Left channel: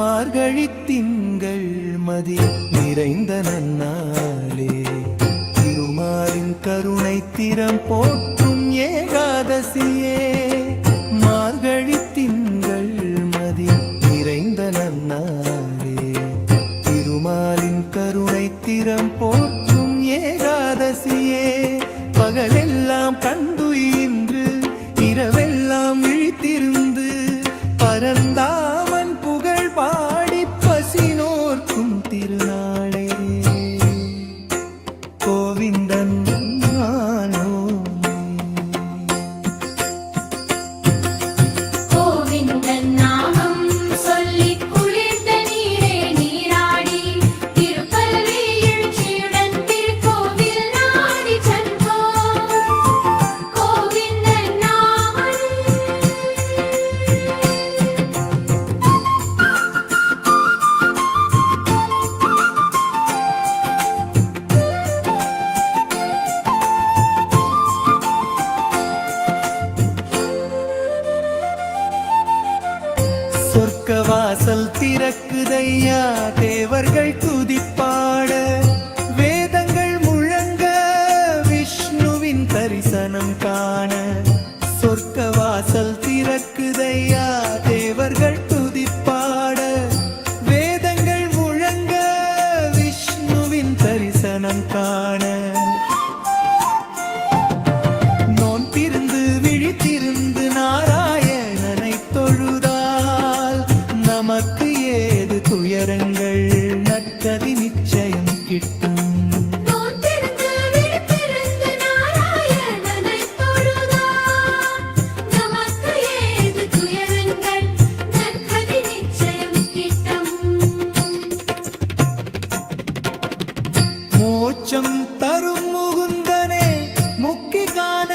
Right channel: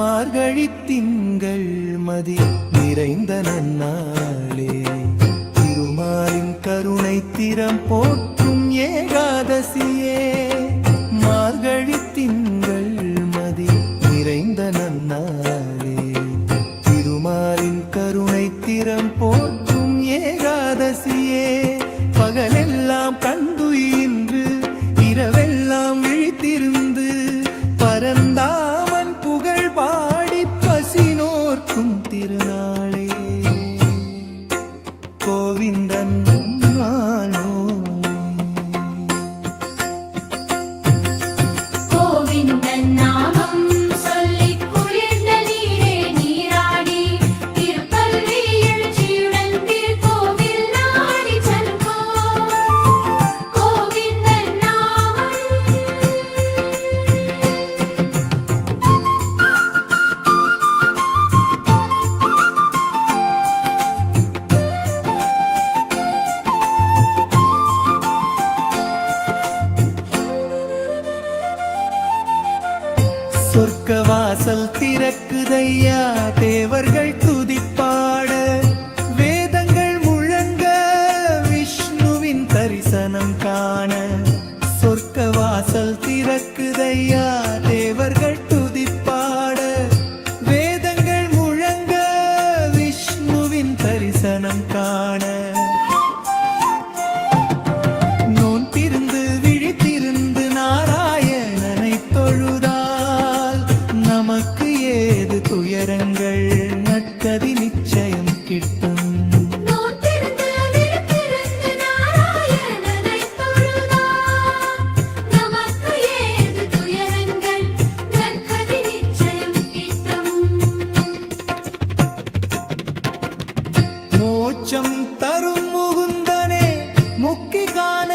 மார்கழி திங்கள் மதி நிறைந்த நன்னாளே திருமாலின் கருணை திறம் போற்றும் ஏகாதசியே மார்கழி திங்கள் மதி நிறைந்த நன்னாளே திருமாலின் கருணை திறம் போற்றும் ஏகாதசியே பகலெல்லாம் கண்டுயின்று இரவெல்லாம் விழித்திருந்து பரந்தாமன் புகழ் பாடி பசினோர்க்கும் திருநாளே கோவிந்தன் நானோ கோவிந்தன் நாமம் சொல்லி குளிர்ந்த நீரே நீராடி திருப்பள்ளி எழுச்சியுடன் திருக்கோவில் நாடி சென்றோ கோவிந்தன் நாமம் சொர்க்க வாசல் திறக்குதையா தேவர்கள் துதிப்பாட வேதங்கள் முழங்க விஷ்ணுவின் தரிசனம் காண சொர்க்க வாசல் திறக்குதையா தேவர்கள் துதிப்பாட வேதங்கள் முழங்க விஷ்ணுவின் தரிசனம் காண நோன்பிருந்து விழித்திருந்து நாராயணனை தொழுதால் நமக்கு ஏது துயரங்கள் நற்கதி நிச்சயம் கிட்டும் நோன்பிருந்து விழித்திருந்து நாராயணனை தொழுதால் நமக்கு ஏது துயரங்கள் நற்கதி நிச்சயம் கிட்டும் மோட்சம் தரும் முகுந்தனே முக்கி காண